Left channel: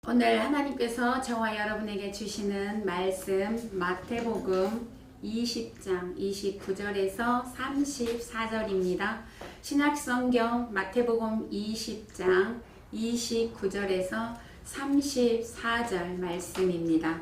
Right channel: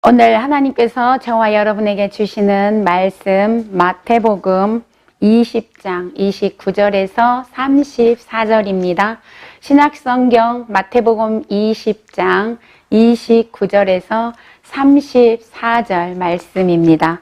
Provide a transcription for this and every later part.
오늘 하나님께서 저와 여러분에게 주시는 말씀 마태복음 20장 29절에서 34절입니다. 신약성경 마태복음 20장 29절에서 34절 말씀입니다.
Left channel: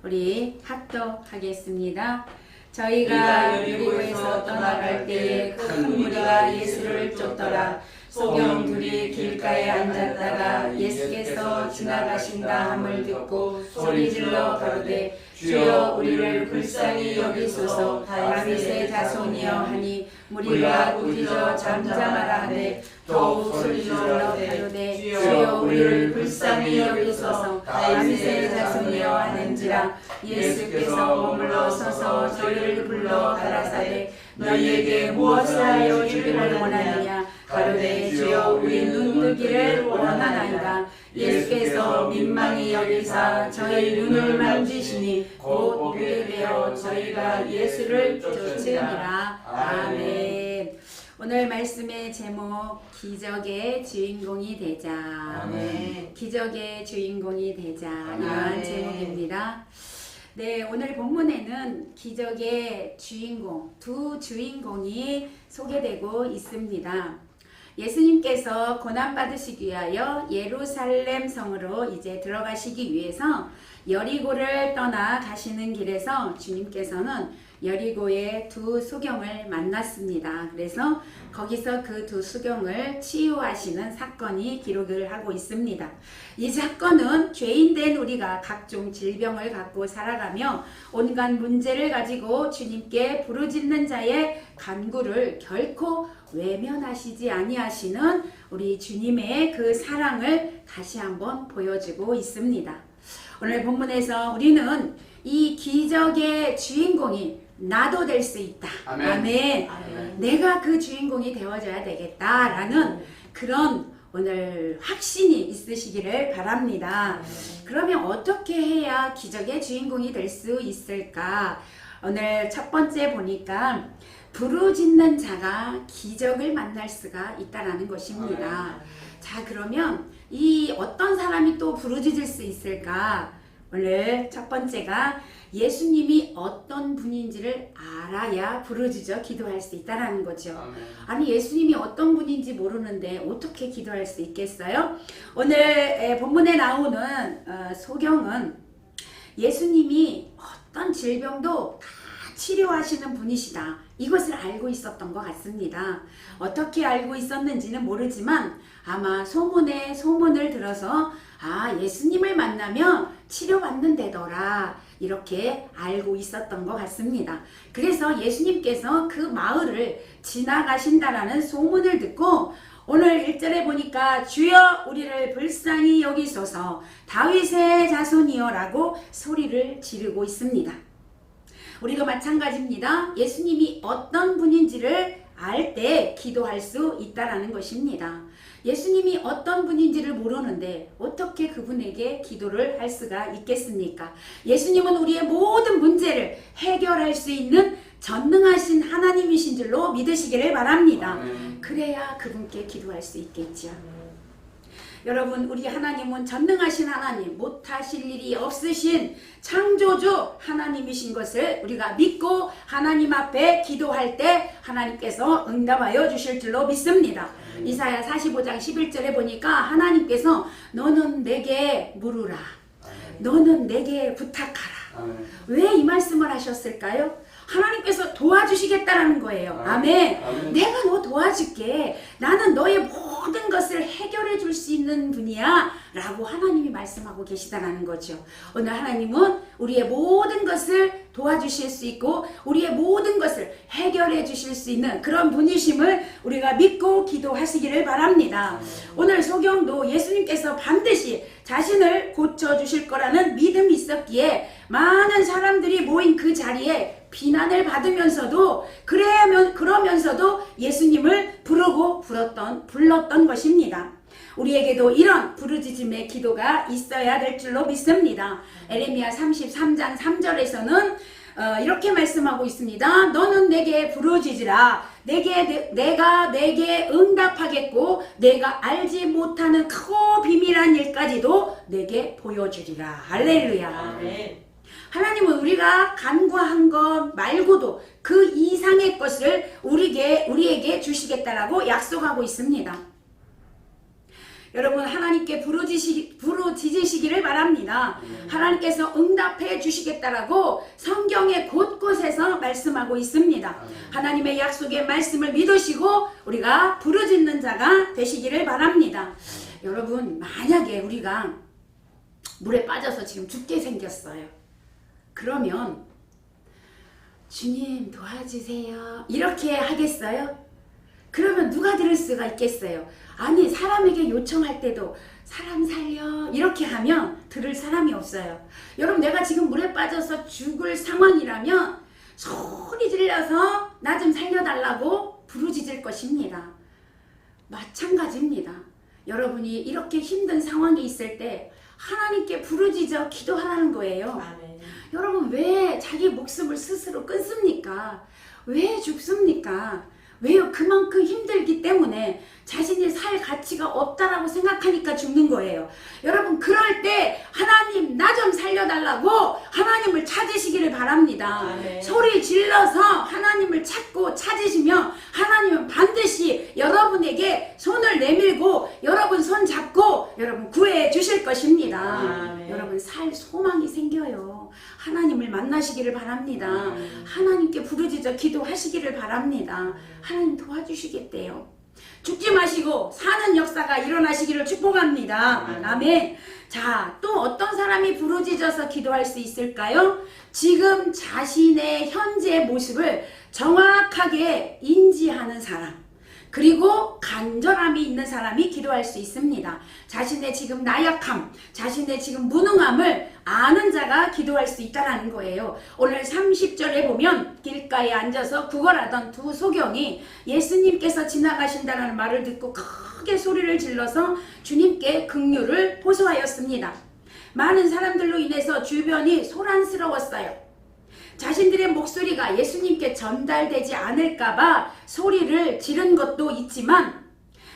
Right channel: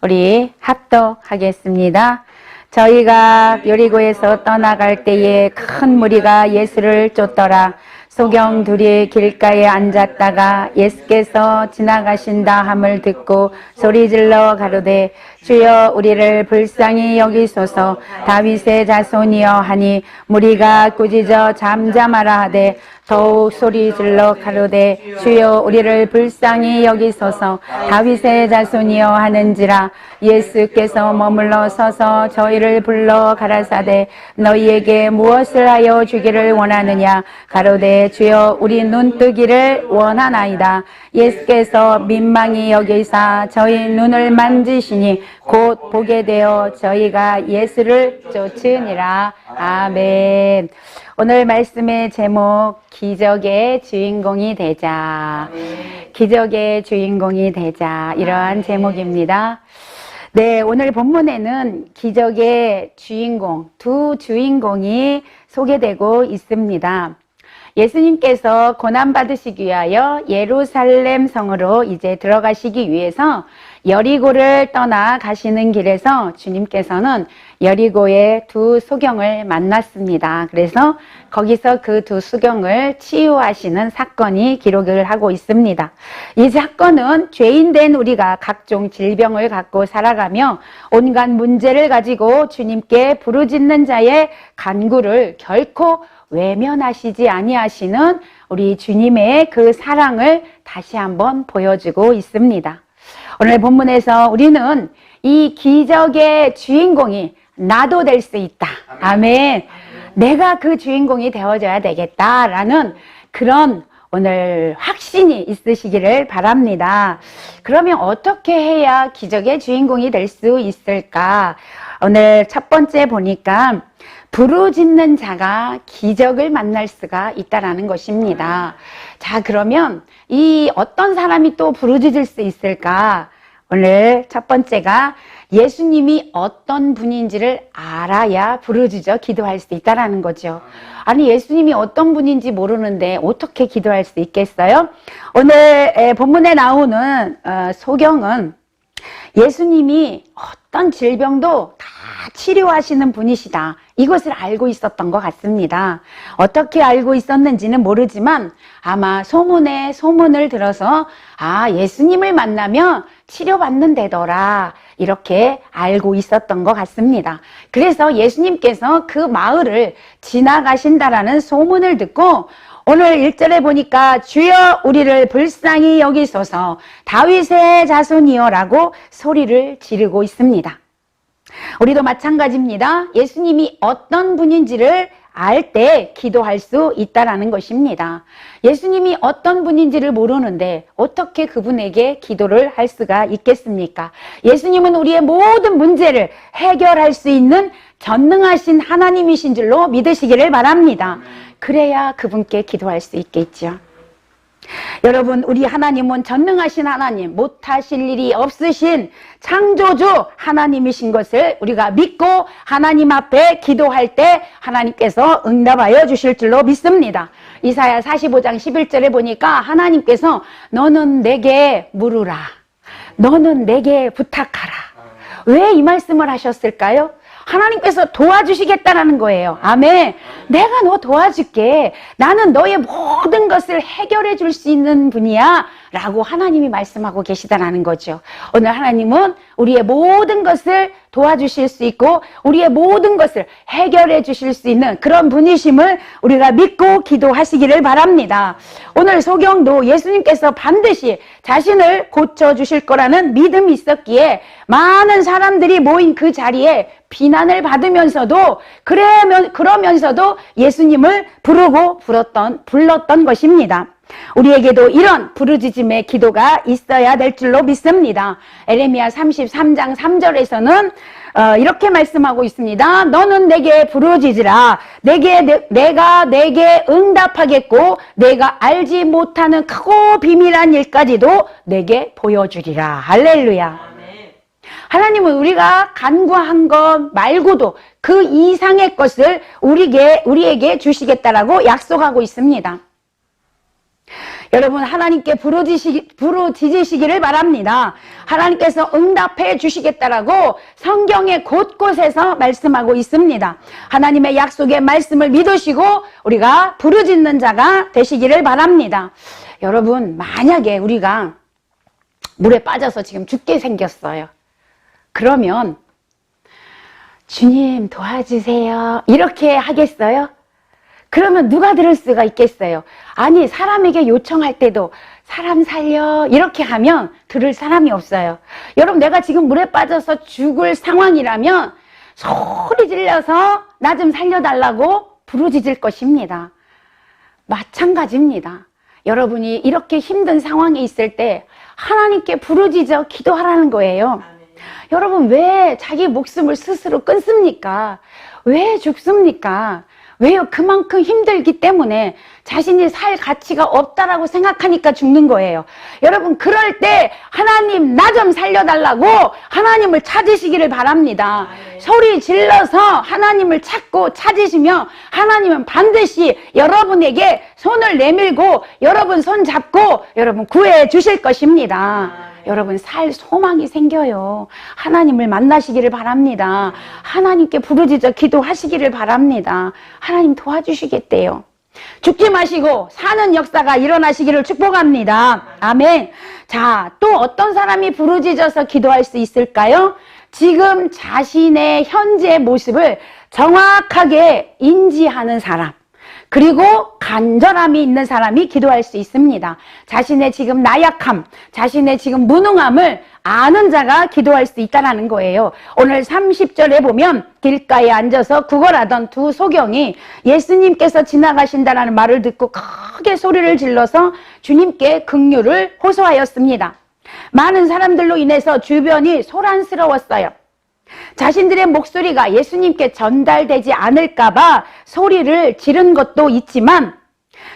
우리 합독하겠습니다. 저희가 여리고에서 떠나갈 때에 큰 무리가 예수를 쫓더라. 소경 둘이 길가에 앉았다가 예수께서 지나가신다 함을 듣고 소리질러 가로되 주여 우리를 불쌍히 여기소서. 다윗의 자손이여 하니 무리가 꾸짖어 잠잠하라 하되 더욱 소리질러 가로되 주여 우리를 불쌍히 여기소서. 다윗의 자손이여 하는지라. 예수께서 머물러 서서 저희를 불러 가라사대 너희에게 무엇을 하여 주기를 원하느냐. 가로되 주여 우리 눈뜨기를 원하나이다. 예수께서 민망히 여기사 저희 눈을 만지시니 곧 보게 되어 저희가 예수를 쫓으니라. 아멘. 오늘 말씀의 제목 기적의 주인공이 되자. 기적의 주인공이 되자. 이러한 제목입니다. 네, 오늘 본문에는 기적의 주인공, 두 주인공이 소개되고 있습니다. 예수님께서 고난받으시기 위하여 예루살렘 성으로 이제 들어가시기 위해서 여리고를 떠나 가시는 길에서 주님께서는 여리고의 두 수경을 만났습니다. 그래서 거기서 그 두 수경을 치유하시는 사건이 기록을 하고 있습니다. 이 사건은 죄인된 우리가 각종 질병을 갖고 살아가며 온갖 문제를 가지고 주님께 부르짖는 자의 간구를 결코 외면하시지 아니하시는 우리 주님의 그 사랑을 다시 한번 보여주고 있습니다. 오늘 본문에서 우리는 이 기적의 주인공이 나도 될 수 있다. 아멘. 내가 그 주인공이 되어줘야 되겠다라는 그런 오늘 확신이 있으시기를 바랍니다. 그러면 어떻게 해야 기적의 주인공이 될 수 있을까? 오늘 첫 번째 보니까 부르짖는 자가 기적을 만날 수가 있다라는 것입니다. 자, 그러면 이 어떤 사람이 또 부르짖을 수 있을까? 오늘 첫 번째가 예수님이 어떤 분인지를 알아야 부르짖어 기도할 수 있다라는 거죠. 아니, 예수님이 어떤 분인지 모르는데 어떻게 기도할 수 있겠어요? 오늘 본문에 나오는 소경은 예수님이 어떤 질병도 다 치료하시는 분이시다. 이것을 알고 있었던 것 같습니다. 어떻게 알고 있었는지는 모르지만 아마 소문을 들어서 예수님을 만나면 치료받는 데더라. 이렇게 알고 있었던 것 같습니다. 그래서 예수님께서 그 마을을 지나가신다라는 소문을 듣고 오늘 1절에 보니까 주여 우리를 불쌍히 여기소서 다윗의 자손이여 라고 소리를 지르고 있습니다. 우리도 마찬가지입니다. 예수님이 어떤 분인지를 알 때 기도할 수 있다라는 것입니다. 예수님이 어떤 분인지를 모르는데 어떻게 그분에게 기도를 할 수가 있겠습니까? 예수님은 우리의 모든 문제를 해결할 수 있는 전능하신 하나님이신 줄로 믿으시기를 바랍니다. 그래야 그분께 기도할 수 있겠죠. 여러분, 우리 하나님은 전능하신 하나님, 못하실 일이 없으신 창조주 하나님이신 것을 우리가 믿고 하나님 앞에 기도할 때 하나님께서 응답하여 주실 줄로 믿습니다. 이사야 45장 11절에 보니까 하나님께서 너는 내게 물으라. 너는 내게 부탁하라. 왜 이 말씀을 하셨을까요? 하나님께서 도와주시겠다라는 거예요. 아멘. 내가 너 도와줄게. 나는 너의 모든 것을 해결해 줄 수 있는 분이야. 라고 하나님이 말씀하고 계시다라는 거죠. 오늘 하나님은 우리의 모든 것을 도와주실 수 있고 우리의 모든 것을 해결해 주실 수 있는 그런 분이심을 우리가 믿고 기도하시기를 바랍니다. 오늘 소경도 예수님께서 반드시 자신을 고쳐주실 거라는 믿음이 있었기에 많은 사람들이 모인 그 자리에 비난을 받으면서도 그러면서도 예수님을 불렀던 것입니다. 우리에게도 이런 부르짖음의 기도가 있어야 될 줄로 믿습니다. 에레미야 33장 3절에서는 이렇게 말씀하고 있습니다. 너는 내게 부르짖으라. 내가 내게 응답하겠고 내가 알지 못하는 크고 비밀한 일까지도 내게 보여주리라. 할렐루야. 하나님은 우리가 간구한 것 말고도 그 이상의 것을 우리에게 주시겠다라고 약속하고 있습니다. 여러분, 하나님께 부르짖으시기를 바랍니다. 하나님께서 응답해 주시겠다라고 성경의 곳곳에서 말씀하고 있습니다. 하나님의 약속의 말씀을 믿으시고 우리가 부르짖는 자가 되시기를 바랍니다. 여러분, 만약에 우리가 물에 빠져서 지금 죽게 생겼어요. 그러면 주님 도와주세요 이렇게 하겠어요? 그러면 누가 들을 수가 있겠어요? 아니, 사람에게 요청할 때도 사람 살려 이렇게 하면 들을 사람이 없어요. 여러분, 내가 지금 물에 빠져서 죽을 상황이라면 소리 질러서 나 좀 살려달라고 부르짖을 것입니다. 마찬가지입니다. 여러분이 이렇게 힘든 상황에 있을 때 하나님께 부르짖어 기도하라는 거예요. 여러분, 왜 자기 목숨을 스스로 끊습니까? 왜 죽습니까? 왜요? 그만큼 힘들기 때문에 자신이 살 가치가 없다라고 생각하니까 죽는 거예요. 여러분, 그럴 때 하나님 나 좀 살려달라고 하나님을 찾으시기를 바랍니다. 소리 질러서 하나님을 찾으시면 하나님은 반드시 여러분에게 손을 내밀고 여러분 손 잡고 여러분 구해 주실 것입니다. 여러분, 살 소망이 생겨요. 하나님을 만나시기를 바랍니다. 하나님께 부르짖어 기도하시기를 바랍니다. 하나님 도와주시겠대요. 죽지 마시고 사는 역사가 일어나시기를 축복합니다. 아멘. 자, 또 어떤 사람이 부르짖어서 기도할 수 있을까요? 지금 자신의 현재 모습을 정확하게 인지하는 사람, 그리고 간절함이 있는 사람이 기도할 수 있습니다. 자신의 지금 나약함, 자신의 지금 무능함을 아는 자가 기도할 수 있다는 거예요. 오늘 30절에 보면 길가에 앉아서 구걸하던 두 소경이 예수님께서 지나가신다라는 말을 듣고 크게 소리를 질러서 주님께 긍휼을 호소하였습니다. 많은 사람들로 인해서 주변이 소란스러웠어요. 자신들의 목소리가 예수님께 전달되지 않을까봐 소리를 지른 것도 있지만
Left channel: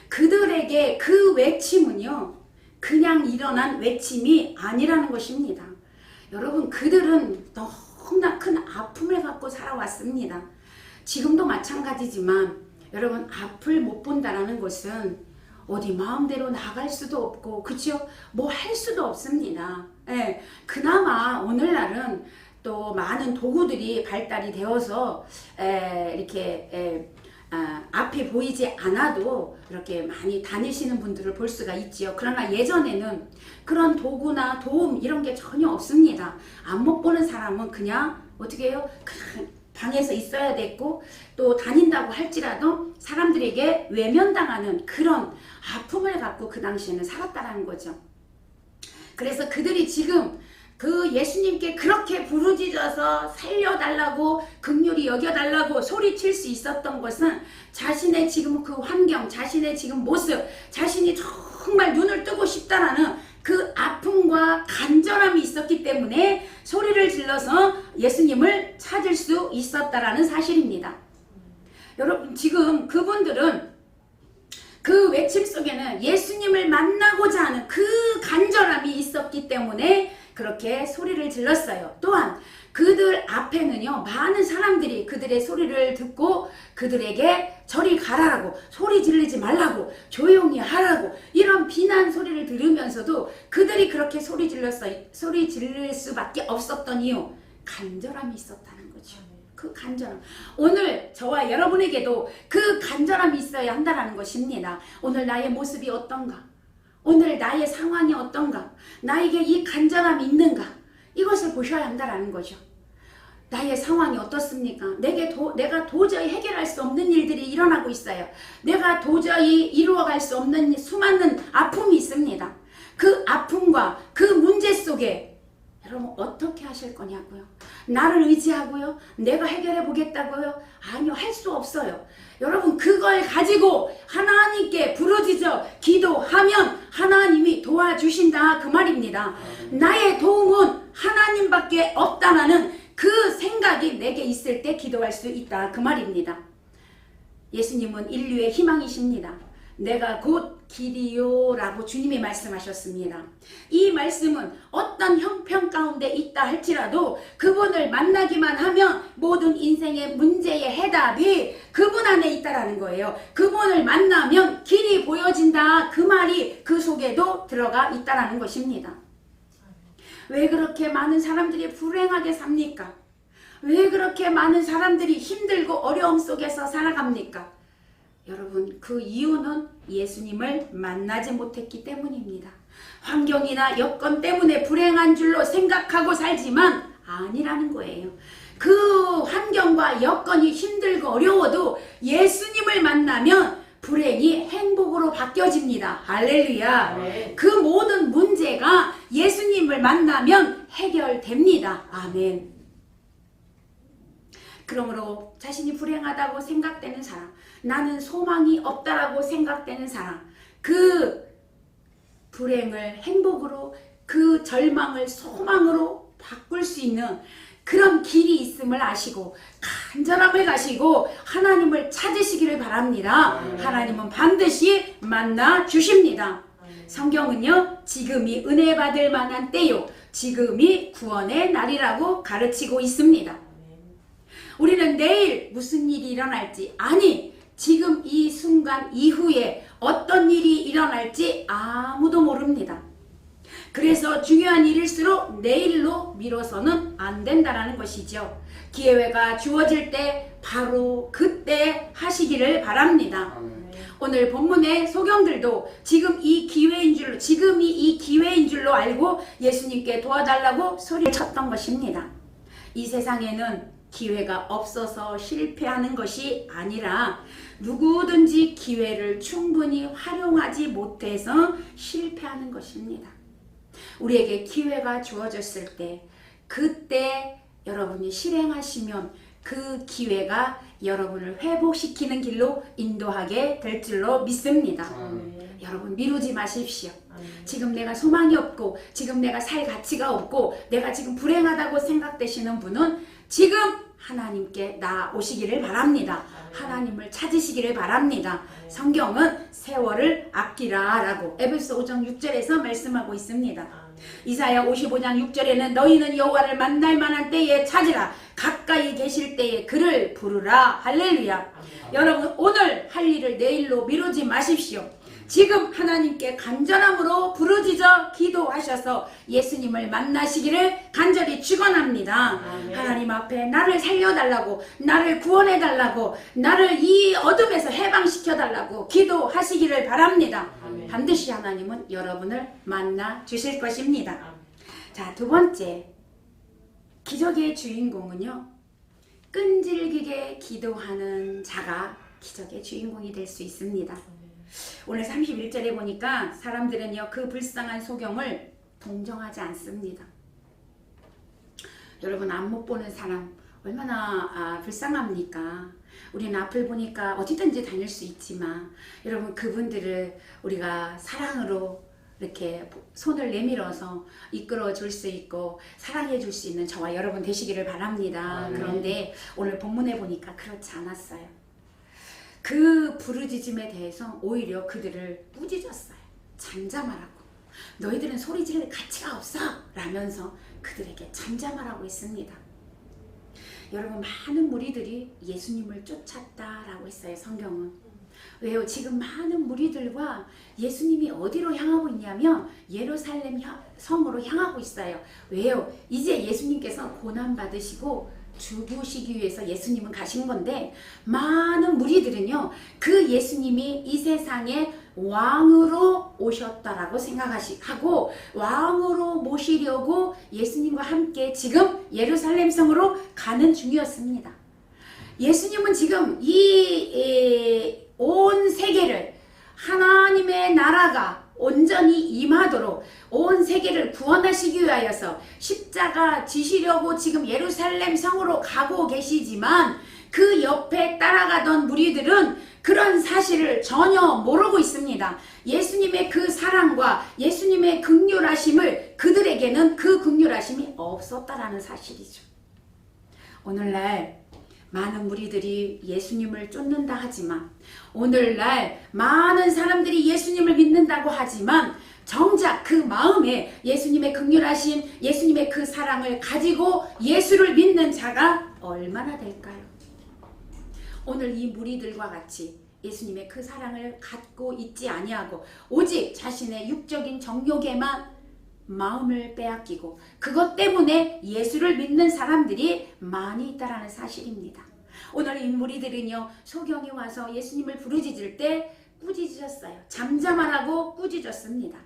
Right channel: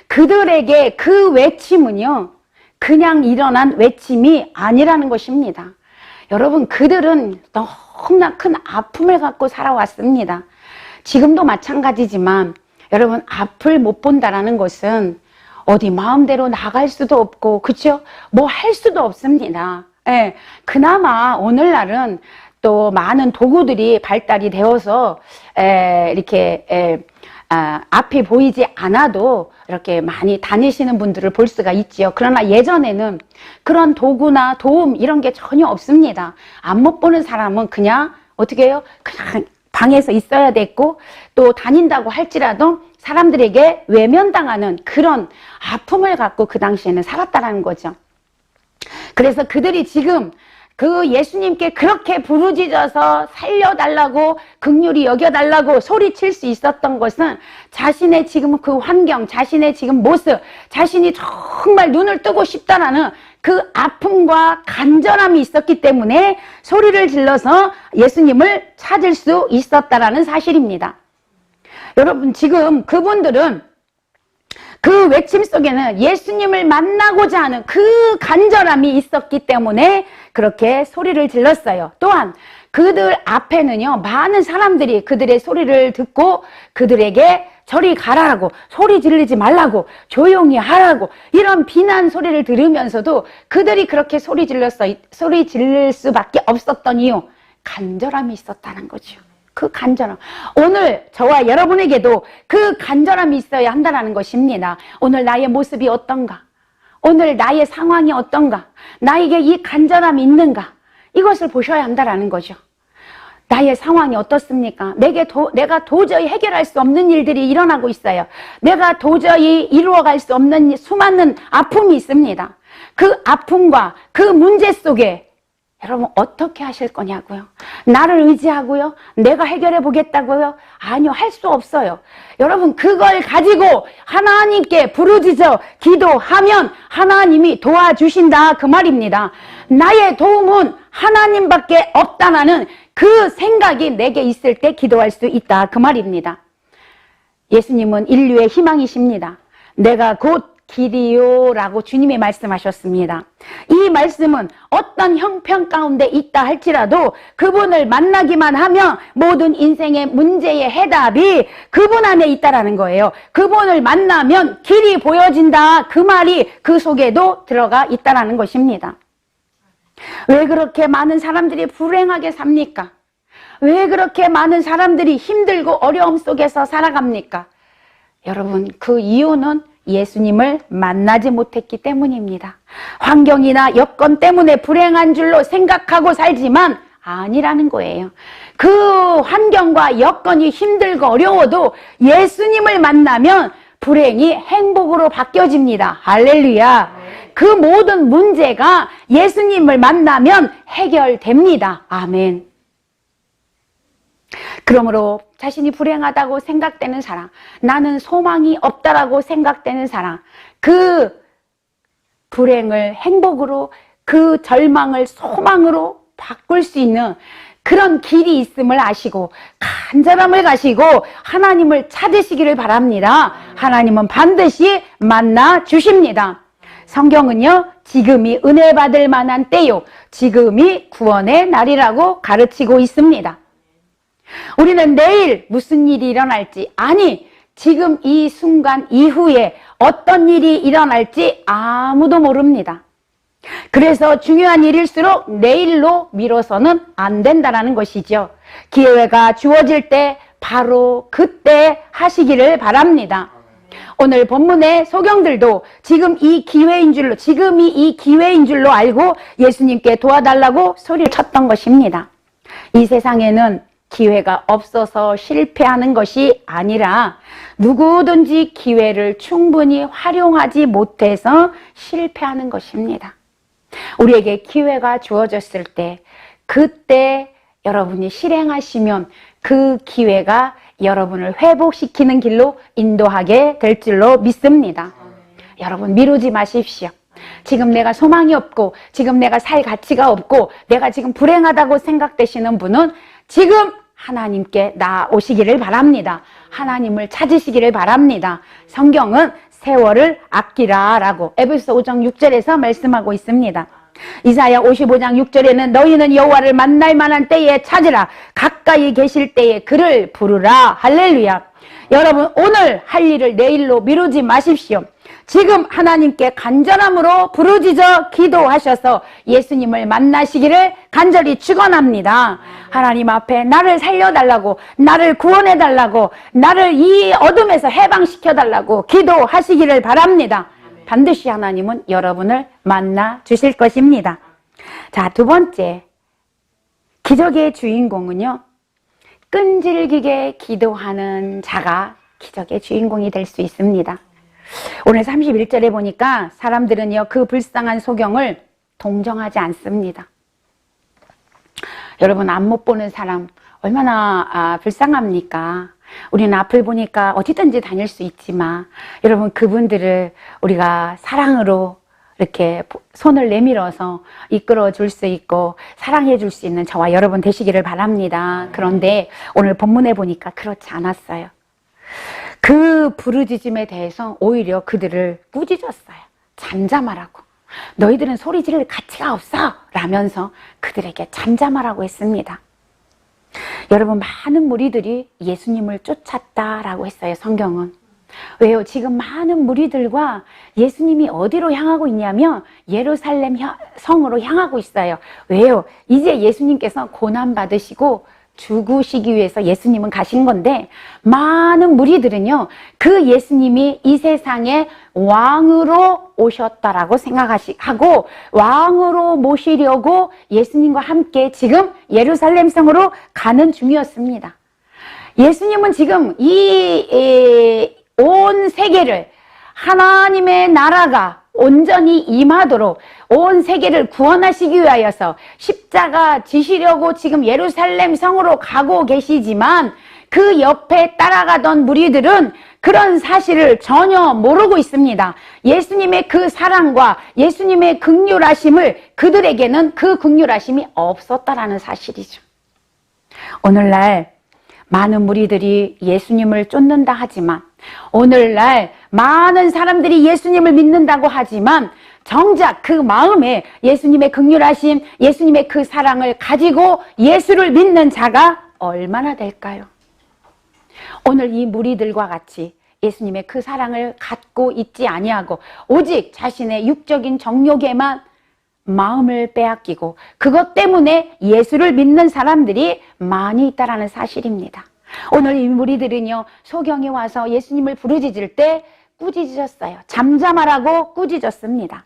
그들에게 그 외침은요, 그냥 일어난 외침이 아니라는 것입니다. 여러분, 그들은 너무나 큰 아픔을 갖고 살아왔습니다. 지금도 마찬가지지만 여러분, 앞을 못 본다라는 것은 어디 마음대로 나갈 수도 없고, 그렇죠? 뭐 할 수도 없습니다. 예, 그나마 오늘날은 또 많은 도구들이 발달이 되어서 이렇게 앞이 보이지 않아도 이렇게 많이 다니시는 분들을 볼 수가 있지요. 그러나 예전에는 그런 도구나 도움 이런 게 전혀 없습니다. 앞 못 보는 사람은 그냥 어떻게 해요? 그냥 방에서 있어야 됐고, 또 다닌다고 할지라도 사람들에게 외면당하는 그런 아픔을 갖고 그 당시에는 살았다는 거죠. 그래서 그들이 지금 그 예수님께 그렇게 부르짖어서 살려달라고, 긍휼히 여겨달라고 소리칠 수 있었던 것은 자신의 지금 그 환경, 자신의 지금 모습, 자신이 정말 눈을 뜨고 싶다라는 그 아픔과 간절함이 있었기 때문에 소리를 질러서 예수님을 찾을 수 있었다라는 사실입니다. 여러분, 지금 그분들은 그 외침 속에는 예수님을 만나고자 하는 그 간절함이 있었기 때문에 그렇게 소리를 질렀어요. 또한 그들 앞에는요, 많은 사람들이 그들의 소리를 듣고 그들에게 저리 가라고, 소리 지르지 말라고, 조용히 하라고, 이런 비난 소리를 들으면서도 그들이 그렇게 소리 지를 수밖에 없었던 이유, 간절함이 있었다는 거죠. 그 간절함. 오늘 저와 여러분에게도 그 간절함이 있어야 한다는 것입니다. 오늘 나의 모습이 어떤가? 오늘 나의 상황이 어떤가? 나에게 이 간절함이 있는가? 이것을 보셔야 한다는 거죠. 나의 상황이 어떻습니까? 내가 도저히 해결할 수 없는 일들이 일어나고 있어요. 내가 도저히 이루어갈 수 없는 수많은 아픔이 있습니다. 그 아픔과 그 문제 속에 여러분 어떻게 하실 거냐고요? 나를 의지하고요? 내가 해결해 보겠다고요? 아니요, 할 수 없어요. 여러분, 그걸 가지고 하나님께 부르짖어 기도하면 하나님이 도와주신다, 그 말입니다. 나의 도움은 하나님밖에 없다는 그 생각이 내게 있을 때 기도할 수 있다, 그 말입니다. 예수님은 인류의 희망이십니다. 내가 곧 길이요 라고 주님이 말씀하셨습니다. 이 말씀은 어떤 형편 가운데 있다 할지라도 그분을 만나기만 하면 모든 인생의 문제의 해답이 그분 안에 있다라는 거예요. 그분을 만나면 길이 보여진다, 그 말이 그 속에도 들어가 있다라는 것입니다. 왜 그렇게 많은 사람들이 불행하게 삽니까? 왜 그렇게 많은 사람들이 힘들고 어려움 속에서 살아갑니까? 여러분, 그 이유는 예수님을 만나지 못했기 때문입니다. 환경이나 여건 때문에 불행한 줄로 생각하고 살지만 아니라는 거예요. 그 환경과 여건이 힘들고 어려워도 예수님을 만나면 불행이 행복으로 바뀌어집니다. 할렐루야. 그 모든 문제가 예수님을 만나면 해결됩니다. 아멘. 그러므로 자신이 불행하다고 생각되는 사람, 나는 소망이 없다라고 생각되는 사람, 그 불행을 행복으로, 그 절망을 소망으로 바꿀 수 있는 그런 길이 있음을 아시고 간절함을 가시고 하나님을 찾으시기를 바랍니다. 하나님은 반드시 만나 주십니다. 성경은요, 지금이 은혜 받을 만한 때요, 지금이 구원의 날이라고 가르치고 있습니다. 우리는 내일 무슨 일이 일어날지, 아니 지금 이 순간 이후에 어떤 일이 일어날지 아무도 모릅니다. 그래서 중요한 일일수록 내일로 미뤄서는 안 된다는 것이죠. 기회가 주어질 때 바로 그때 하시기를 바랍니다. 오늘 본문의 소경들도 지금이 이 기회인 줄로 알고 예수님께 도와달라고 소리를 쳤던 것입니다. 이 세상에는 기회가 없어서 실패하는 것이 아니라 누구든지 기회를 충분히 활용하지 못해서 실패하는 것입니다. 우리에게 기회가 주어졌을 때, 그때 여러분이 실행하시면 그 기회가 여러분을 회복시키는 길로 인도하게 될 줄로 믿습니다. 여러분, 미루지 마십시오. 지금 내가 소망이 없고, 지금 내가 살 가치가 없고, 내가 지금 불행하다고 생각되시는 분은 지금 하나님께 나오시기를 바랍니다. 하나님을 찾으시기를 바랍니다. 성경은 세월을 아끼라 라고 에베소 5장 6절에서 말씀하고 있습니다. 이사야 55장 6절에는 너희는 여호와를 만날 만한 때에 찾으라, 가까이 계실 때에 그를 부르라. 할렐루야. 여러분, 오늘 할 일을 내일로 미루지 마십시오. 지금 하나님께 간절함으로 부르짖어 기도하셔서 예수님을 만나시기를 간절히 축원합니다. 하나님 앞에 나를 살려달라고, 나를 구원해달라고, 나를 이 어둠에서 해방시켜달라고 기도하시기를 바랍니다. 반드시 하나님은 여러분을 만나 주실 것입니다. 자, 두 번째, 기적의 주인공은요, 끈질기게 기도하는 자가 기적의 주인공이 될 수 있습니다. 오늘 31절에 보니까 사람들은요, 그 불쌍한 소경을 동정하지 않습니다. 여러분, 앞 못 보는 사람 얼마나 불쌍합니까? 우리는 앞을 보니까 어디든지 다닐 수 있지만 여러분, 그분들을 우리가 사랑으로 이렇게 손을 내밀어서 이끌어 줄 수 있고 사랑해 줄 수 있는 저와 여러분 되시기를 바랍니다. 그런데 오늘 본문에 보니까 그렇지 않았어요. 그 부르짖음에 대해서 오히려 그들을 꾸짖었어요. 잠잠하라고. 너희들은 소리 지를 가치가 없어 라면서 그들에게 잠잠하라고 했습니다. 여러분, 많은 무리들이 예수님을 쫓았다라고 했어요. 성경은. 왜요? 지금 많은 무리들과 예수님이 어디로 향하고 있냐면 예루살렘 성으로 향하고 있어요. 왜요? 이제 예수님께서 고난 받으시고 죽으시기 위해서 예수님은 가신 건데, 많은 무리들은요, 그 예수님이 이 세상에 왕으로 오셨다라고 생각하고 왕으로 모시려고 예수님과 함께 지금 예루살렘 성으로 가는 중이었습니다. 예수님은 지금 온 세계를, 하나님의 나라가 온전히 임하도록 온 세계를 구원하시기 위하여서 십자가 지시려고 지금 예루살렘 성으로 가고 계시지만 그 옆에 따라가던 무리들은 그런 사실을 전혀 모르고 있습니다. 예수님의 그 사랑과 예수님의 긍휼하심을, 그들에게는 그 긍휼하심이 없었다라는 사실이죠. 오늘날 많은 무리들이 예수님을 쫓는다 하지만, 오늘날 많은 사람들이 예수님을 믿는다고 하지만 정작 그 마음에 예수님의 긍휼하심, 예수님의 그 사랑을 가지고 예수를 믿는 자가 얼마나 될까요? 오늘 이 무리들과 같이 예수님의 그 사랑을 갖고 있지 아니하고 오직 자신의 육적인 정욕에만 마음을 빼앗기고 그것 때문에 예수를 믿는 사람들이 많이 있다는 사실입니다. 오늘 이 무리들은요, 소경에 와서 예수님을 부르짖을 때 꾸짖으셨어요. 잠잠하라고 꾸짖었습니다.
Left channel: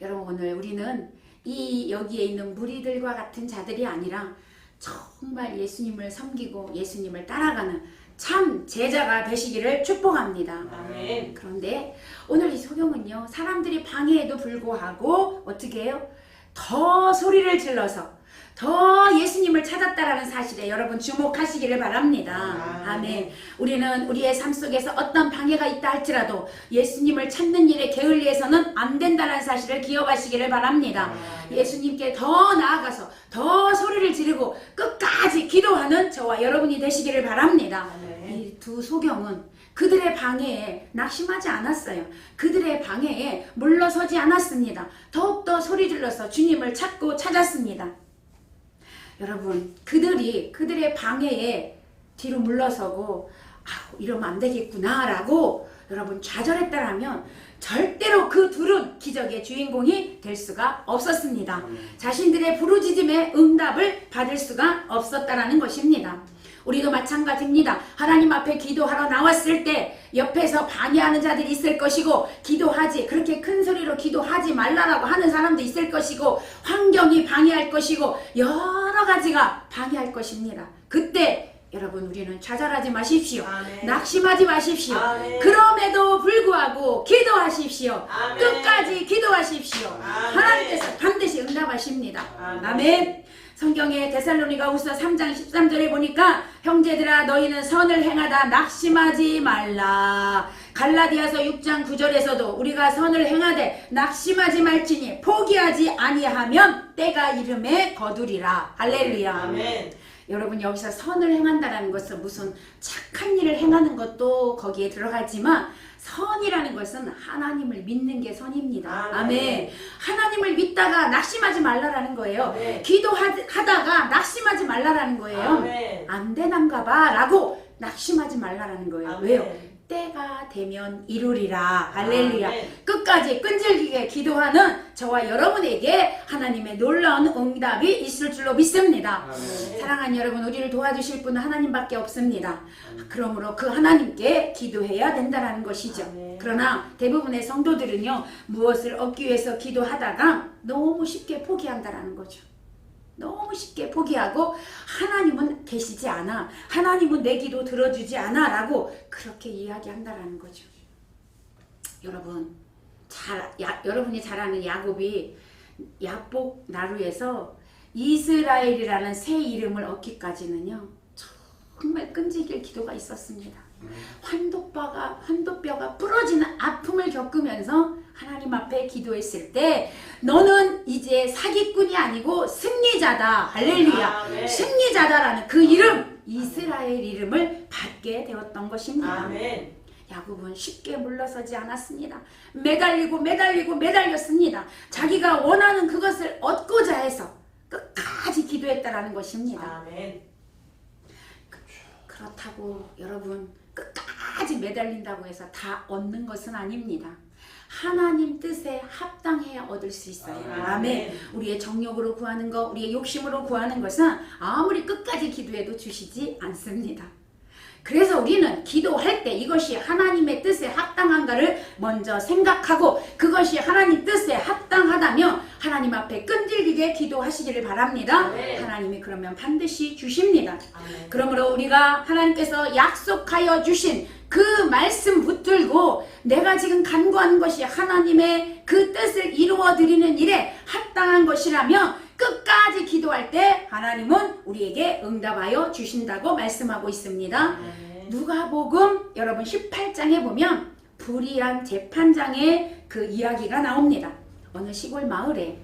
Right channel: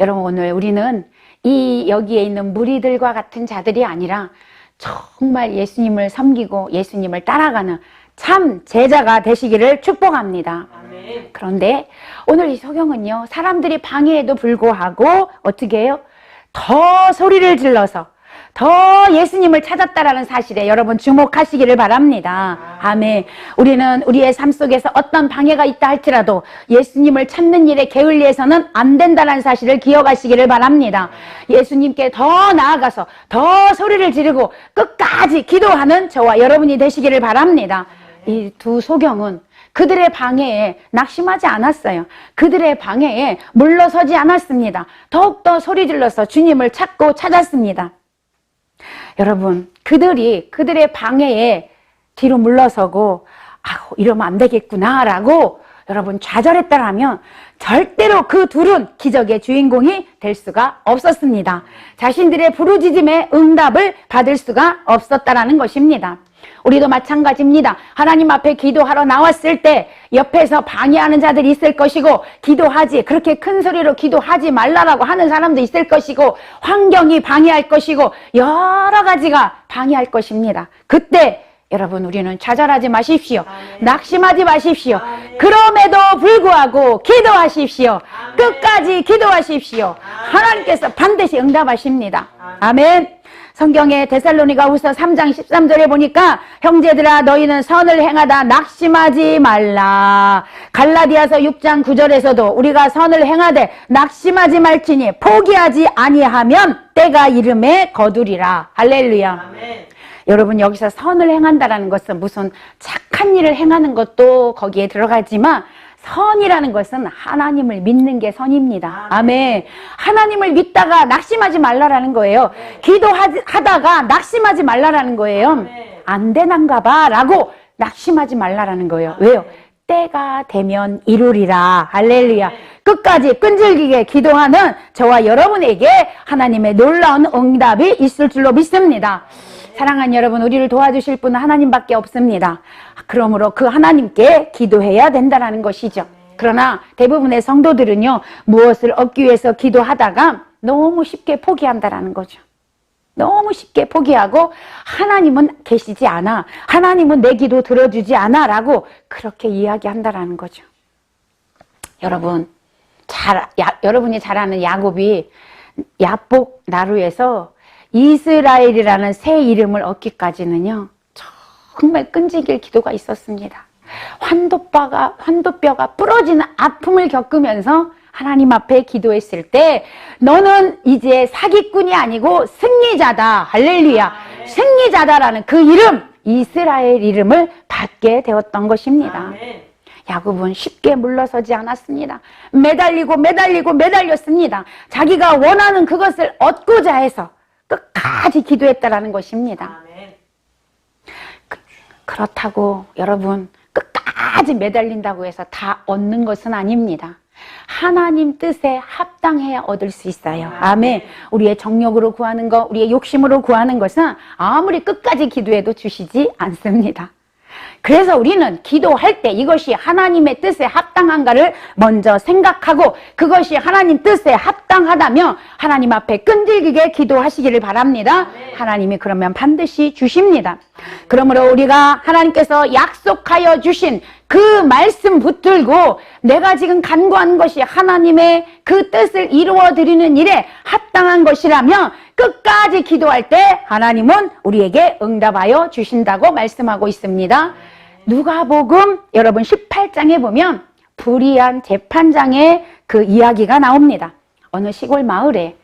여러분, 오늘 우리는 여기에 있는 무리들과 같은 자들이 아니라 정말 예수님을 섬기고 예수님을 따라가는 참 제자가 되시기를 축복합니다. 아멘. 그런데 오늘 이 소경은요, 사람들이 방해에도 불구하고 어떻게 해요? 더 소리를 질러서 더 예수님을 찾았다라는 사실에 여러분 주목하시기를 바랍니다. 아멘. 우리는 우리의 삶 속에서 어떤 방해가 있다 할지라도 예수님을 찾는 일에 게을리해서는 안 된다는 사실을 기억하시기를 바랍니다. 예수님께 더 나아가서 더 소리를 지르고 끝까지 기도하는 저와 여러분이 되시기를 바랍니다. 이 두 소경은 그들의 방해에 낙심하지 않았어요. 그들의 방해에 물러서지 않았습니다. 더욱더 소리 질러서 주님을 찾았습니다. 여러분, 그들의 방해에 뒤로 물러서고 이러면 안 되겠구나 라고 여러분 좌절했다라면 절대로 그 둘은 기적의 주인공이 될 수가 없었습니다. 자신들의 부르짖음에 응답을 받을 수가 없었다라는 것입니다. 우리도 마찬가지입니다. 하나님 앞에 기도하러 나왔을 때 옆에서 방해하는 자들이 있을 것이고, 그렇게 큰 소리로 기도하지 말라라고 하는 사람도 있을 것이고, 환경이 방해할 것이고, 여러 가지가 방해할 것입니다. 그때 여러분, 우리는 좌절하지 마십시오. 아멘. 낙심하지 마십시오. 아멘. 그럼에도 불구하고 기도하십시오. 아멘. 끝까지 기도하십시오. 아멘. 하나님께서 반드시 응답하십니다. 아멘. 성경의 데살로니가후서 3장 13절에 보니까 형제들아 너희는 선을 행하다 낙심하지 말라. 갈라디아서 6장 9절에서도 우리가 선을 행하되 낙심하지 말지니 포기하지 아니하면 때가 이름에 거두리라. 할렐루야. 아멘. 여러분, 여기서 선을 행한다라는 것은 무슨 착한 일을 행하는 것도 거기에 들어가지만 선이라는 것은 하나님을 믿는 게 선입니다. 아멘. 하나님을 믿다가 낙심하지 말라라는 거예요. 네. 기도하다가 낙심하지 말라라는 거예요. 아멘. 안 되는가 봐 라고 낙심하지 말라라는 거예요. 아멘. 왜요? 때가 되면 이루리라. 할렐루야. 아멘. 끝까지 끈질기게 기도하는 저와 여러분에게 하나님의 놀라운 응답이 있을 줄로 믿습니다. 아멘. 사랑하는 여러분, 우리를 도와주실 분은 하나님밖에 없습니다. 그러므로 그 하나님께 기도해야 된다는 것이죠. 그러나 대부분의 성도들은요, 무엇을 얻기 위해서 기도하다가 너무 쉽게 포기한다는 거죠. 너무 쉽게 포기하고 하나님은 계시지 않아, 하나님은 내 기도 들어주지 않아 라고 그렇게 이야기한다는 거죠. 여러분, 여러분이 잘 아는 야곱이 야복 나루에서 이스라엘이라는 새 이름을 얻기까지는요, 정말 끈질길 기도가 있었습니다. 환도뼈가 부러지는 아픔을 겪으면서 하나님 앞에 기도했을 때 너는 이제 사기꾼이 아니고 승리자다. 할렐루야. 아멘. 승리자다라는 그 이름, 이스라엘 이름을 받게 되었던 것입니다. 아멘. 야곱은 쉽게 물러서지 않았습니다. 매달렸습니다. 자기가 원하는 그것을 얻고자 해서 끝까지 기도했다라는 것입니다. 아멘. 그렇다고 여러분, 끝까지 매달린다고 해서 다 얻는 것은 아닙니다. 하나님 뜻에 합당해야 얻을 수 있어요. 아멘. 우리의 정욕으로 구하는 것, 우리의 욕심으로 구하는 것은 아무리 끝까지 기도해도 주시지 않습니다. 그래서 우리는 기도할 때 이것이 하나님의 뜻에 합당한가를 먼저 생각하고, 그것이 하나님 뜻에 합당하다면 하나님 앞에 끈질기게 기도하시기를 바랍니다. 하나님이 그러면 반드시 주십니다. 그러므로 우리가 하나님께서 약속하여 주신 그 말씀 붙들고 내가 지금 간구한 것이 하나님의 그 뜻을 이루어 드리는 일에 합당한 것이라면 끝까지 기도할 때 하나님은 우리에게 응답하여 주신다고 말씀하고 있습니다. 누가복음 여러분 18장에 보면 불의한 재판장의 그 이야기가 나옵니다. 어느 시골 마을에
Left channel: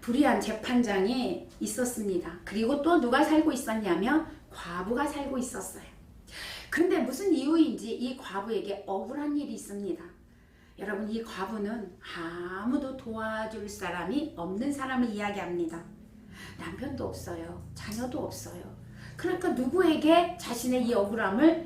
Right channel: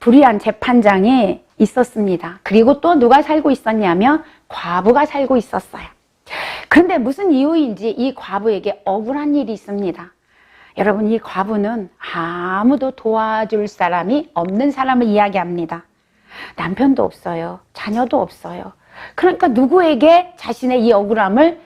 불의한 재판장이 있었습니다. 그리고 또 누가 살고 있었냐면 과부가 살고 있었어요. 그런데 무슨 이유인지 이 과부에게 억울한 일이 있습니다. 여러분, 이 과부는 아무도 도와줄 사람이 없는 사람을 이야기합니다. 남편도 없어요. 자녀도 없어요. 그러니까 누구에게 자신의 이 억울함을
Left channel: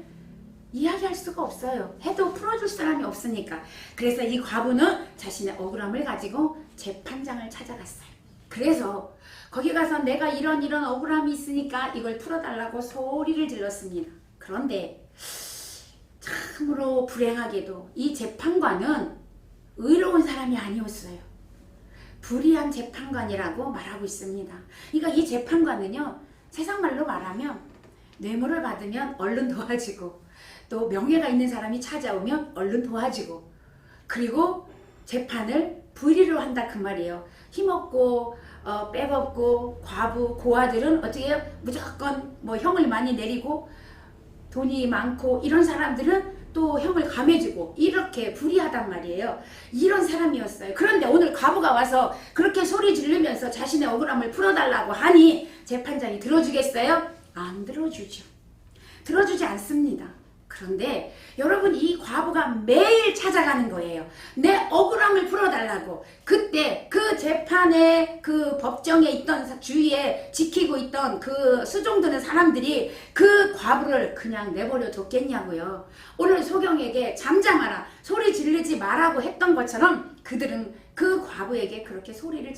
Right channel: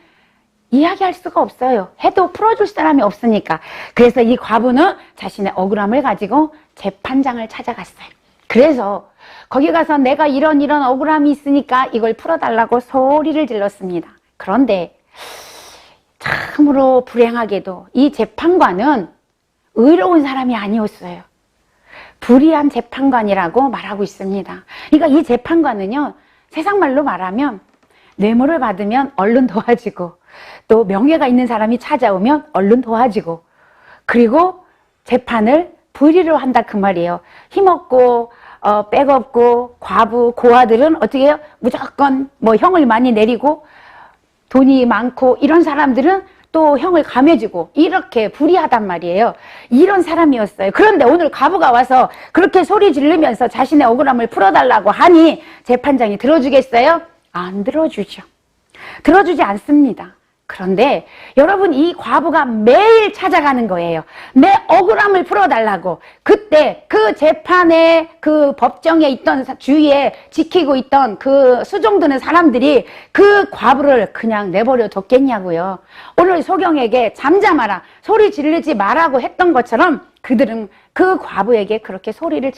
이야기할 수가 없어요. 해도 풀어줄 사람이 없으니까. 그래서 이 과부는 자신의 억울함을 가지고 재판장을 찾아갔어요. 그래서 거기 가서 내가 이런 억울함이 있으니까 이걸 풀어달라고 소리를 질렀습니다. 그런데 참으로 불행하게도 이 재판관은 의로운 사람이 아니었어요. 불의한 재판관이라고 말하고 있습니다. 그러니까 이 재판관은요, 세상 말로 말하면 뇌물을 받으면 얼른 도와주고, 또 명예가 있는 사람이 찾아오면 얼른 도와주고, 그리고 재판을 불의로 한다 그 말이에요. 힘없고 백없고 과부 고아들은 어떻게 해요? 무조건 뭐 형을 많이 내리고, 돈이 많고 이런 사람들은 또 형을 감해주고, 이렇게 불의하단 말이에요. 이런 사람이었어요. 그런데 오늘 과부가 와서 그렇게 소리 지르면서 자신의 억울함을 풀어달라고 하니 재판장이 들어주겠어요? 안 들어주죠. 들어주지 않습니다. 그런데 여러분, 이 과부가 매일 찾아가는 거예요. 내 억울함을 풀어달라고. 그때 그 재판에, 그 법정에 있던, 주위에 지키고 있던 그 수종드는 사람들이 그 과부를 그냥 내버려 뒀겠냐고요. 오늘 소경에게 잠잠하라, 소리 지르지 말라고 했던 것처럼 그들은 그 과부에게 그렇게 소리를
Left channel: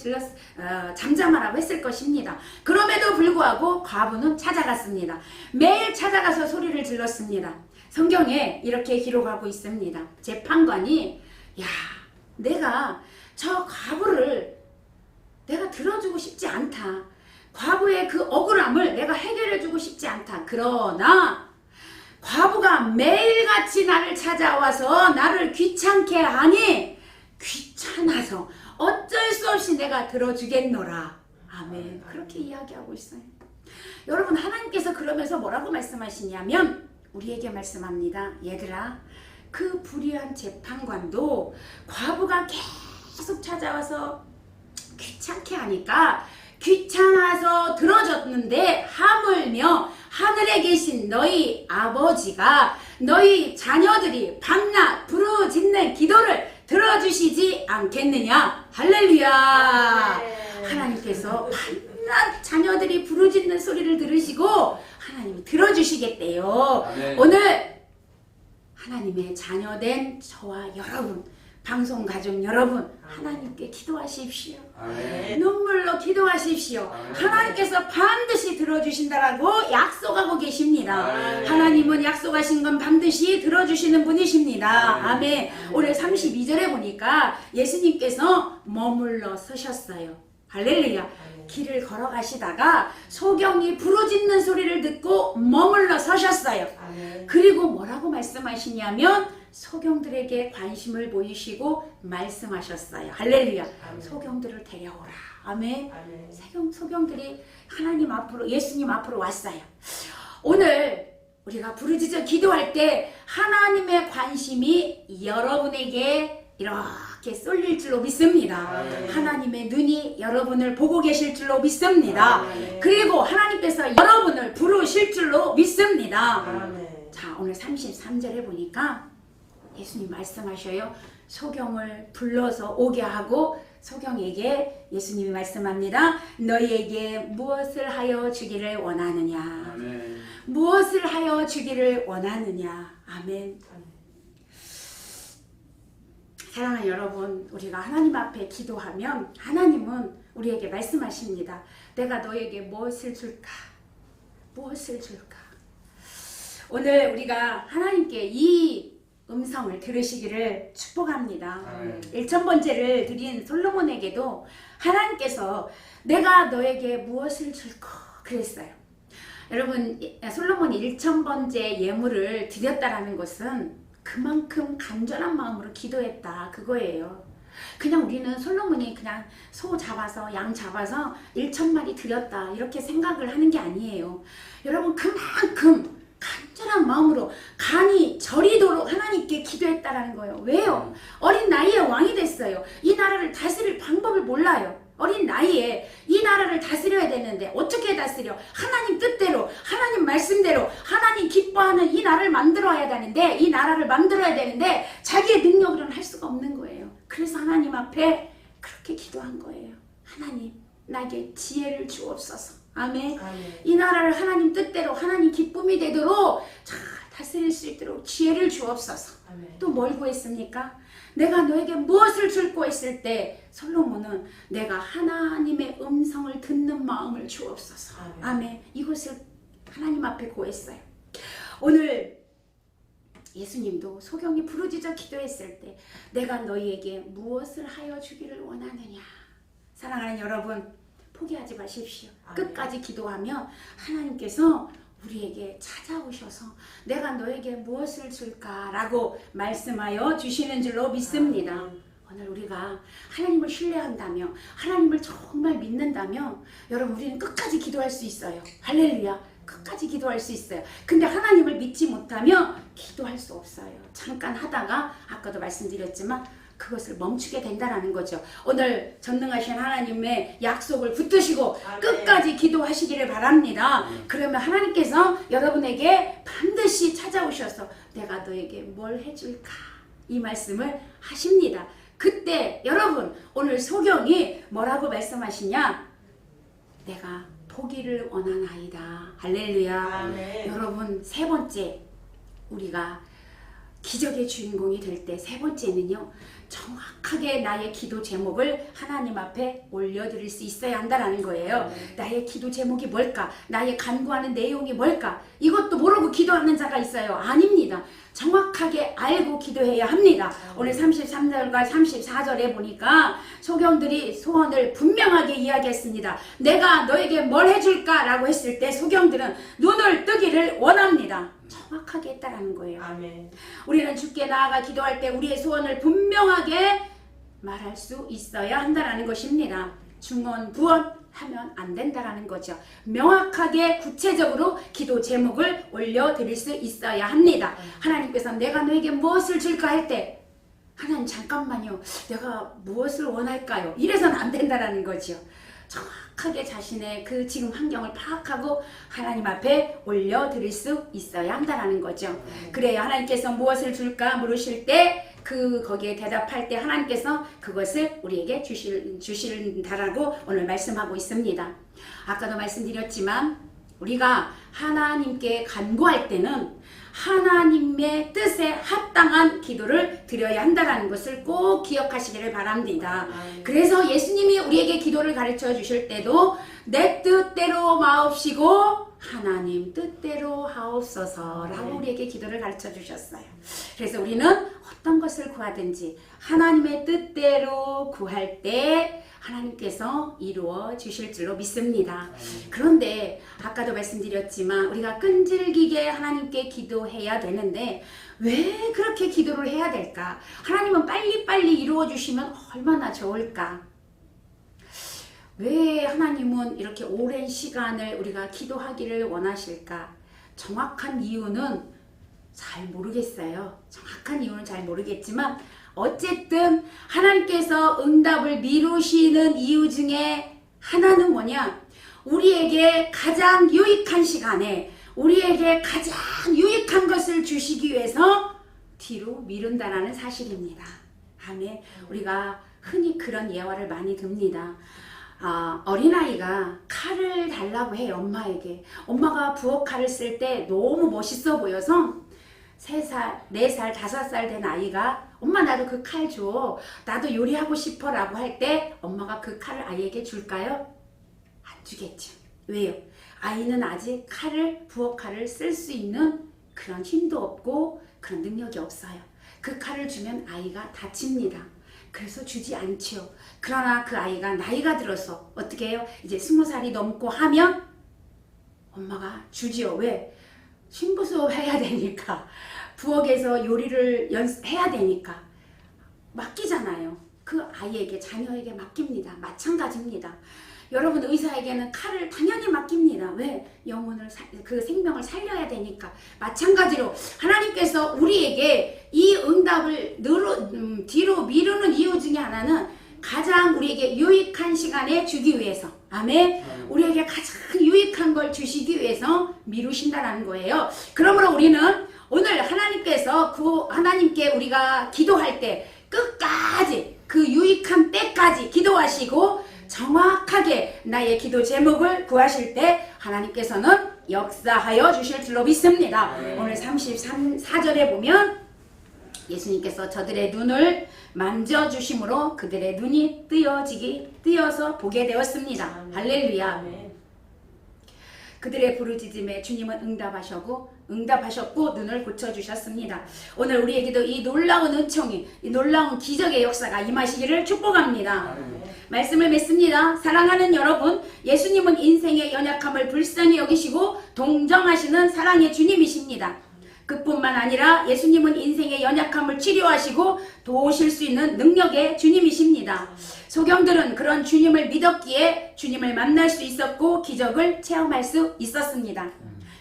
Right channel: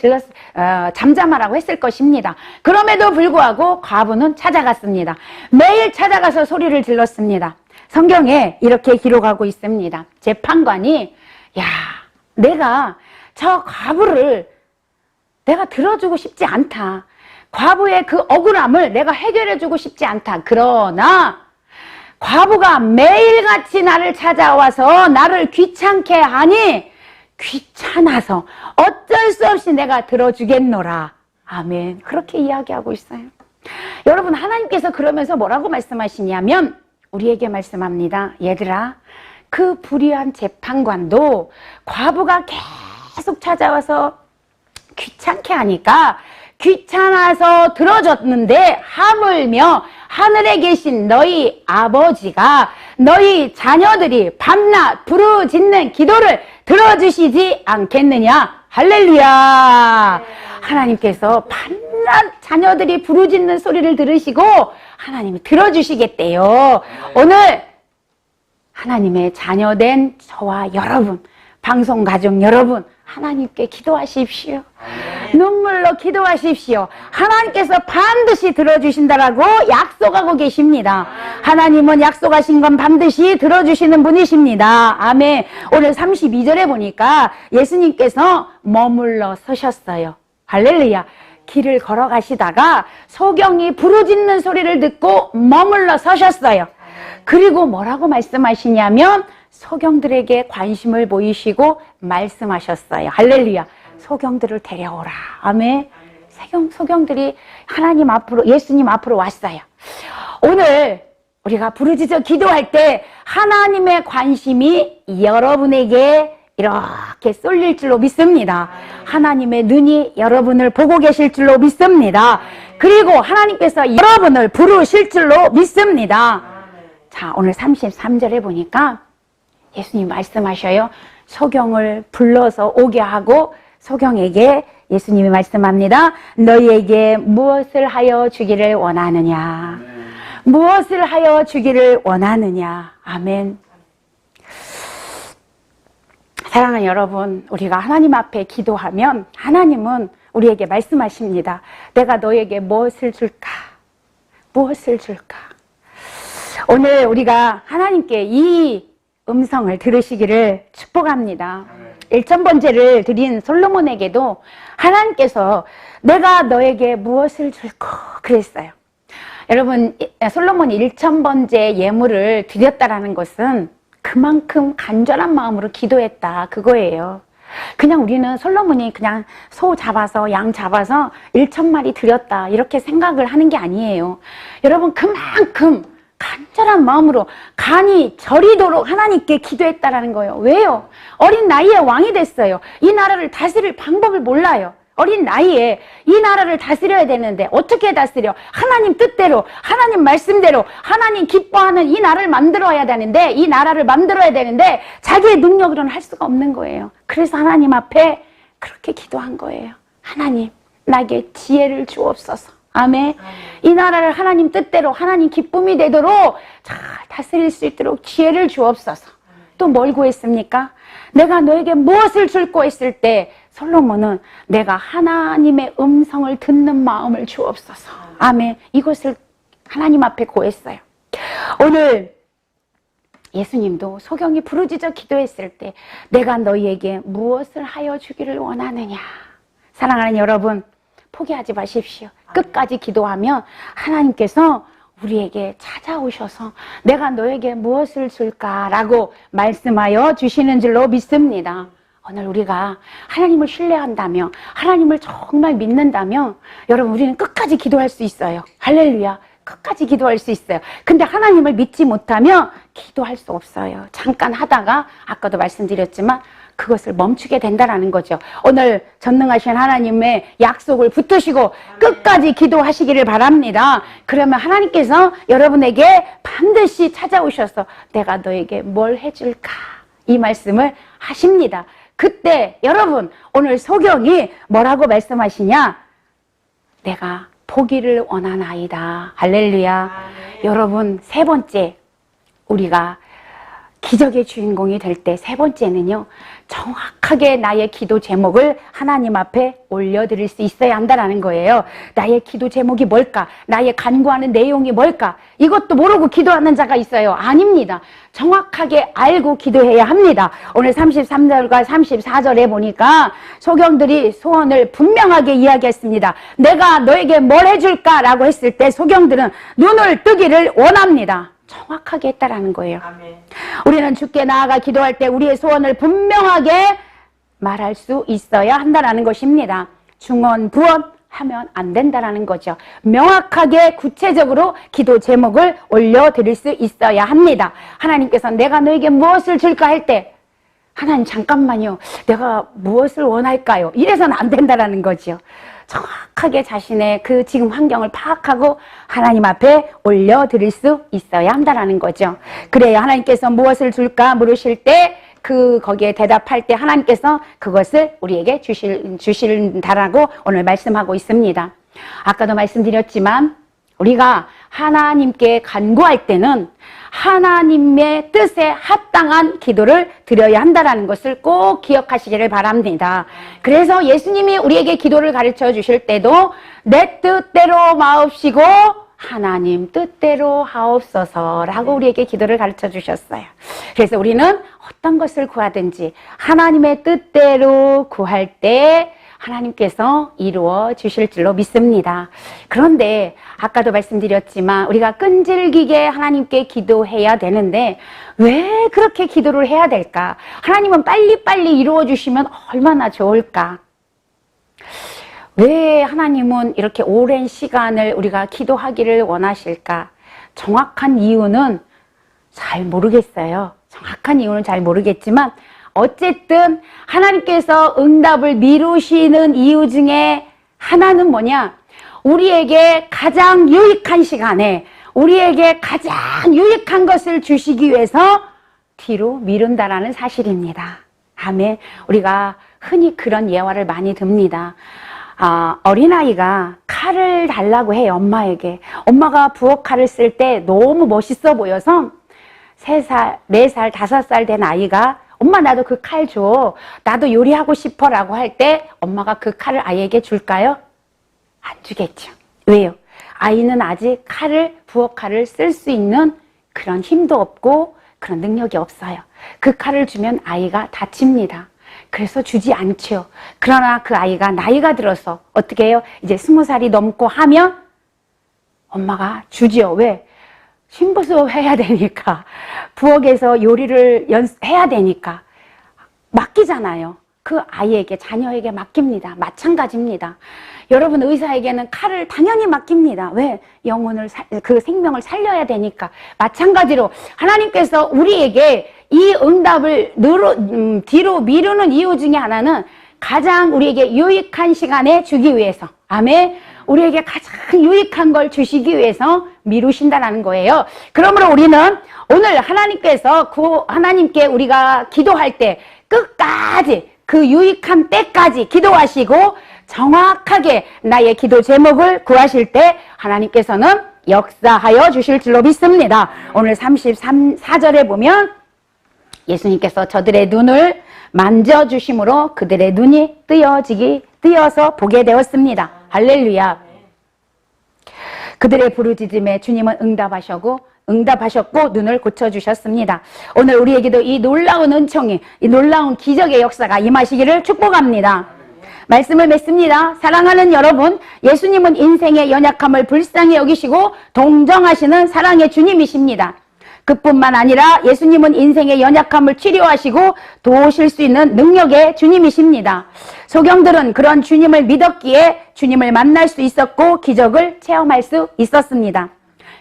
잠잠하라고 했을 것입니다. 그럼에도 불구하고 과부는 찾아갔습니다. 매일 찾아가서 소리를 질렀습니다. 성경에 이렇게 기록하고 있습니다. 재판관이, 야, 내가 저 과부를 내가 들어주고 싶지 않다. 과부의 그 억울함을 내가 해결해주고 싶지 않다. 그러나 과부가 매일같이 나를 찾아와서 나를 귀찮게 하니 귀찮아서 어쩔 수 없이 내가 들어주겠노라. 아멘. 그렇게 이야기하고 있어요. 여러분, 하나님께서 그러면서 뭐라고 말씀하시냐면 우리에게 말씀합니다. 얘들아, 그 불의한 재판관도 과부가 계속 찾아와서 귀찮게 하니까 귀찮아서 들어줬는데, 하물며 하늘에 계신 너희 아버지가 너희 자녀들이 밤낮 부르짖는 기도를 들어주시지 않겠느냐. 할렐루야. 하나님께서 밤낮 자녀들이 부르짖는 소리를 들으시고 하나님이 들어주시겠대요. 오늘 하나님의 자녀된 저와 여러분, 방송가족 여러분, 하나님께 기도하십시오. 눈물로 기도하십시오. 하나님께서 반드시 들어주신다라고 약속하고 계십니다. 하나님은 약속하신 건 반드시 들어주시는 분이십니다. 아멘. 오늘 32절에 보니까 예수님께서 머물러 서셨어요. 할렐루야. 길을 걸어가시다가 소경이 부르짖는 소리를 듣고 머물러 서셨어요. 그리고 뭐라고 말씀하시냐면 소경들에게 관심을 보이시고 말씀하셨어요. 할렐루야. 소경들을 데려오라. 아멘. 소경들이 하나님 앞으로, 예수님 앞으로 왔어요. 오늘 우리가 부르짖어 기도할 때 하나님의 관심이 여러분에게 이렇게 쏠릴 줄로 믿습니다. 하나님의 눈이 여러분을 보고 계실 줄로 믿습니다. 그리고 하나님께서 여러분을 부르실 줄로 믿습니다. 자, 오늘 33절에 보니까 예수님 말씀하셔요. 소경을 불러서 오게 하고 소경에게 예수님이 말씀합니다. 너희에게 무엇을 하여 주기를 원하느냐. 무엇을 하여 주기를 원하느냐. 아멘. 사랑하는 여러분, 우리가 하나님 앞에 기도하면 하나님은 우리에게 말씀하십니다. 내가 너에게 무엇을 줄까? 무엇을 줄까? 오늘 우리가 하나님께 이 음성을 들으시기를 축복합니다. 1000번째를 드린 솔로몬에게도 하나님께서 내가 너에게 무엇을 줄까? 그랬어요. 여러분, 솔로몬이 1000번째 예물을 드렸다라는 것은 그만큼 간절한 마음으로 기도했다, 그거예요. 그냥 우리는 솔로몬이 그냥 소 잡아서 양 잡아서 1000마리 드렸다 이렇게 생각을 하는 게 아니에요. 여러분, 그만큼 간절한 마음으로 간이 저리도록 하나님께 기도했다라는 거예요. 왜요? 어린 나이에 왕이 됐어요. 이 나라를 다스릴 방법을 몰라요. 어린 나이에 이 나라를 다스려야 되는데 어떻게 다스려? 하나님 뜻대로, 하나님 말씀대로, 하나님 기뻐하는 이 나라를 만들어야 되는데, 이 나라를 만들어야 되는데 자기의 능력으로는 할 수가 없는 거예요. 그래서 하나님 앞에 그렇게 기도한 거예요. 하나님, 나에게 지혜를 주옵소서. 아멘. 이 나라를 하나님 뜻대로, 하나님 기쁨이 되도록 잘 다스릴 수 있도록 지혜를 주옵소서. 또 뭘 구했습니까? 내가 너에게 무엇을 줄 구했을 때 솔로몬은 내가 하나님의 음성을 듣는 마음을 주옵소서. 아멘. 이것을 하나님 앞에 구했어요. 오늘 예수님도 소경이 부르짖어 기도했을 때 내가 너희에게 무엇을 하여 주기를 원하느냐. 사랑하는 여러분, 포기하지 마십시오. 끝까지 기도하면 하나님께서 우리에게 찾아오셔서 내가 너에게 무엇을 줄까라고 말씀하여 주시는 줄로 믿습니다. 오늘 우리가 하나님을 신뢰한다면, 하나님을 정말 믿는다면 여러분, 우리는 끝까지 기도할 수 있어요. 할렐루야. 끝까지 기도할 수 있어요. 근데 하나님을 믿지 못하면 기도할 수 없어요. 잠깐 하다가 아까도 말씀드렸지만 그것을 멈추게 된다는 거죠. 오늘 전능하신 하나님의 약속을 붙드시고 끝까지 기도하시기를 바랍니다. 그러면 하나님께서 여러분에게 반드시 찾아오셔서 내가 너에게 뭘 해줄까? 이 말씀을 하십니다. 그때 여러분, 오늘 소경이 뭐라고 말씀하시냐? 내가 보기를 원하나이다. 할렐루야. 여러분, 세 번째, 우리가 기적의 주인공이 될 때 세 번째는요, 정확하게 나의 기도 제목을 하나님 앞에 올려드릴 수 있어야 한다는 거예요. 나의 기도 제목이 뭘까? 나의 간구하는 내용이 뭘까? 이것도 모르고 기도하는 자가 있어요. 아닙니다. 정확하게 알고 기도해야 합니다. 오늘 33절과 34절에 보니까 소경들이 소원을 분명하게 이야기했습니다. 내가 너에게 뭘 해줄까? 라고 했을 때 소경들은 눈을 뜨기를 원합니다. 정확하게 했다라는 거예요. 아멘. 우리는 주께 나아가 기도할 때 우리의 소원을 분명하게 말할 수 있어야 한다는 것입니다. 중언부언 하면 안 된다라는 거죠. 명확하게 구체적으로 기도 제목을 올려드릴 수 있어야 합니다. 하나님께서 내가 너에게 무엇을 줄까 할 때 하나님 잠깐만요. 내가 무엇을 원할까요? 이래서는 안 된다라는 거죠. 정확하게 자신의 그 지금 환경을 파악하고 하나님 앞에 올려드릴 수 있어야 한다는 거죠. 그래야 하나님께서 무엇을 줄까 물으실 때 거기에 대답할 때 하나님께서 그것을 우리에게 주신다라고 오늘 말씀하고 있습니다. 아까도 말씀드렸지만 우리가 하나님께 간구할 때는 하나님의 뜻에 합당한 기도를 드려야 한다는 것을 꼭 기억하시기를 바랍니다. 그래서 예수님이 우리에게 기도를 가르쳐 주실 때도 내 뜻대로 마옵시고 하나님 뜻대로 하옵소서라고 우리에게 기도를 가르쳐 주셨어요. 그래서 우리는 어떤 것을 구하든지 하나님의 뜻대로 구할 때 하나님께서 이루어 주실 줄로 믿습니다. 그런데 아까도 말씀드렸지만 우리가 끈질기게 하나님께 기도해야 되는데 왜 그렇게 기도를 해야 될까? 하나님은 빨리빨리 이루어 주시면 얼마나 좋을까? 왜 하나님은 이렇게 오랜 시간을 우리가 기도하기를 원하실까? 정확한 이유는 잘 모르겠어요. 정확한 이유는 잘 모르겠지만 어쨌든 하나님께서 응답을 미루시는 이유 중에 하나는 뭐냐? 우리에게 가장 유익한 시간에 우리에게 가장 유익한 것을 주시기 위해서 뒤로 미룬다라는 사실입니다. 아멘. 우리가 흔히 그런 예화를 많이 듭니다. 어린아이가 칼을 달라고 해요, 엄마에게. 엄마가 부엌 칼을 쓸 때 너무 멋있어 보여서 3살, 4살, 5살 된 아이가 엄마 나도 그 칼 줘. 나도 요리하고 싶어 라고 할 때 엄마가 그 칼을 아이에게 줄까요? 안 주겠죠. 왜요? 아이는 아직 부엌 칼을 쓸 수 있는 그런 힘도 없고 그런 능력이 없어요. 그 칼을 주면 아이가 다칩니다. 그래서 주지 않죠. 그러나 그 아이가 나이가 들어서 어떻게 해요? 이제 20살이 넘고 하면 엄마가 주지요. 왜? 신부수 해야 되니까. 부엌에서 요리를 해야 되니까. 맡기잖아요. 그 아이에게, 자녀에게 맡깁니다. 마찬가지입니다. 여러분, 의사에게는 칼을 당연히 맡깁니다. 왜? 그 생명을 살려야 되니까. 마찬가지로 하나님께서 우리에게 이 응답을 뒤로 미루는 이유 중에 하나는 가장 우리에게 유익한 시간에 주기 위해서, 아멘, 우리에게 가장 유익한 걸 주시기 위해서 미루신다라는 거예요. 그러므로 우리는 오늘 하나님께서 하나님께 우리가 기도할 때 끝까지 그 유익한 때까지 기도하시고 정확하게 나의 기도 제목을 구하실 때 하나님께서는 역사하여 주실 줄로 믿습니다. 오늘 33절에 보면 예수님께서 저들의 눈을 만져주심으로 그들의 눈이 뜨여서 보게 되었습니다. 할렐루야. 그들의 부르짖음에 주님은 응답하셨고 눈을 고쳐주셨습니다. 오늘 우리에게도 이 놀라운 은총이, 이 놀라운 기적의 역사가 임하시기를 축복합니다. 말씀을 맺습니다. 사랑하는 여러분, 예수님은 인생의 연약함을 불쌍히 여기시고 동정하시는 사랑의 주님이십니다. 그뿐만 아니라 예수님은 인생의 연약함을 치료하시고 도우실 수 있는 능력의 주님이십니다. 소경들은 그런 주님을 믿었기에 주님을 만날 수 있었고 기적을 체험할 수 있었습니다.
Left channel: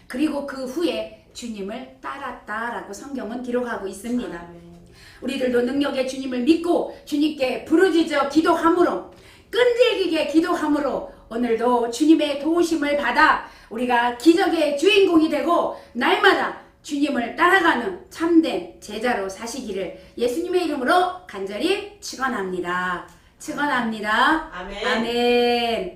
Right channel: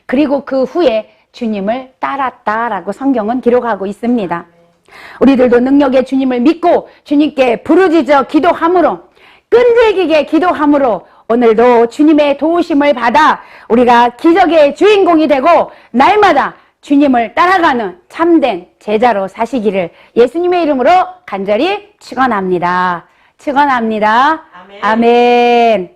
그리고 그 후에 주님을 따랐다라고 성경은 기록하고 있습니다. 우리들도 능력의 주님을 믿고 주님께 부르짖어 기도함으로, 끈질기게 기도함으로 오늘도 주님의 도우심을 받아 우리가 기적의 주인공이 되고 날마다 주님을 따라가는 참된 제자로 사시기를 예수님의 이름으로 간절히 축원합니다. 축원합니다. 아멘. 아멘.